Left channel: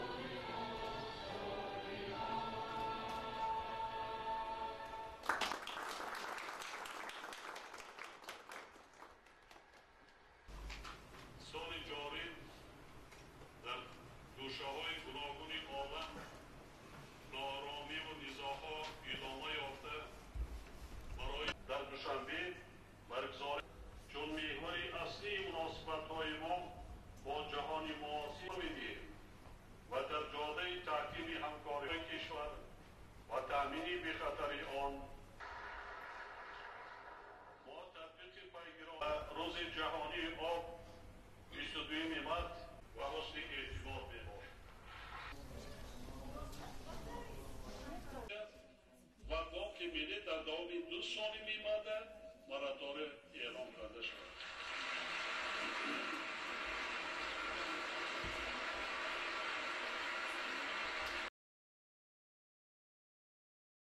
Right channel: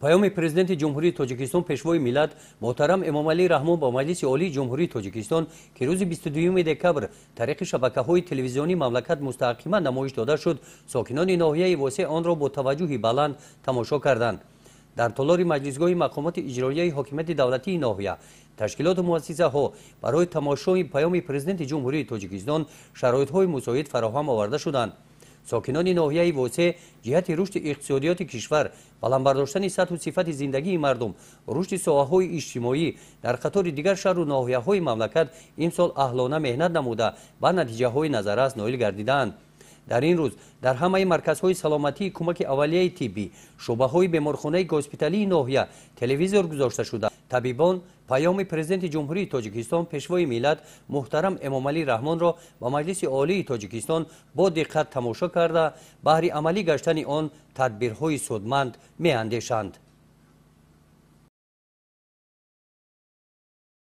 پیام پرزیدنت جمهوری تاجیکستان پیشوای ملت محترم امامعلی رحمان با مجلس عالی جمهوری تاجیکستان که روز 22 دکبر طریق شبکه‌های تلویزیونی مملکت مستقیما نمایش داده شد، ساکنان ناحیه واسع آن را با توجه بلند تماشا کردند. در تالار مجلسگاه مقامات اجرایی حکومت دولتی ناحیه تشکیلات و مؤسسه ها برای تماشای پیام پرزیدنت جمهوری تاجیکستان شرایط های مساعد فراهم آورده شدند. ساکنان ناحیه واسع جهت رشد اقتصادیات کشور، بلند برداشتن سطح و صفت زندگی مردم، رشد ساحه‌های اجتماعی در قطار دیگر شهر و ناحیه‌های مملکت امسال اهلانه مهنت نموده به نتیجه‌های نظررس نائل گردیدند. در این روز در همه مرکزهای سلامتی کمک اولیه طبی، شعبه‌های بیمارخانه گوسپیتالی ناحیه تلویزیون گذاشته شده. طبیبان پیام پرزیدنت جمهوری تاجیکستان پیشوای ملت محترم امامعلی رحمان را و مجلس عالی تاجیکستان با دقت تماشا کرده بهر عملی گشتن آن تدبیرهای سودمند می‌اندیشند.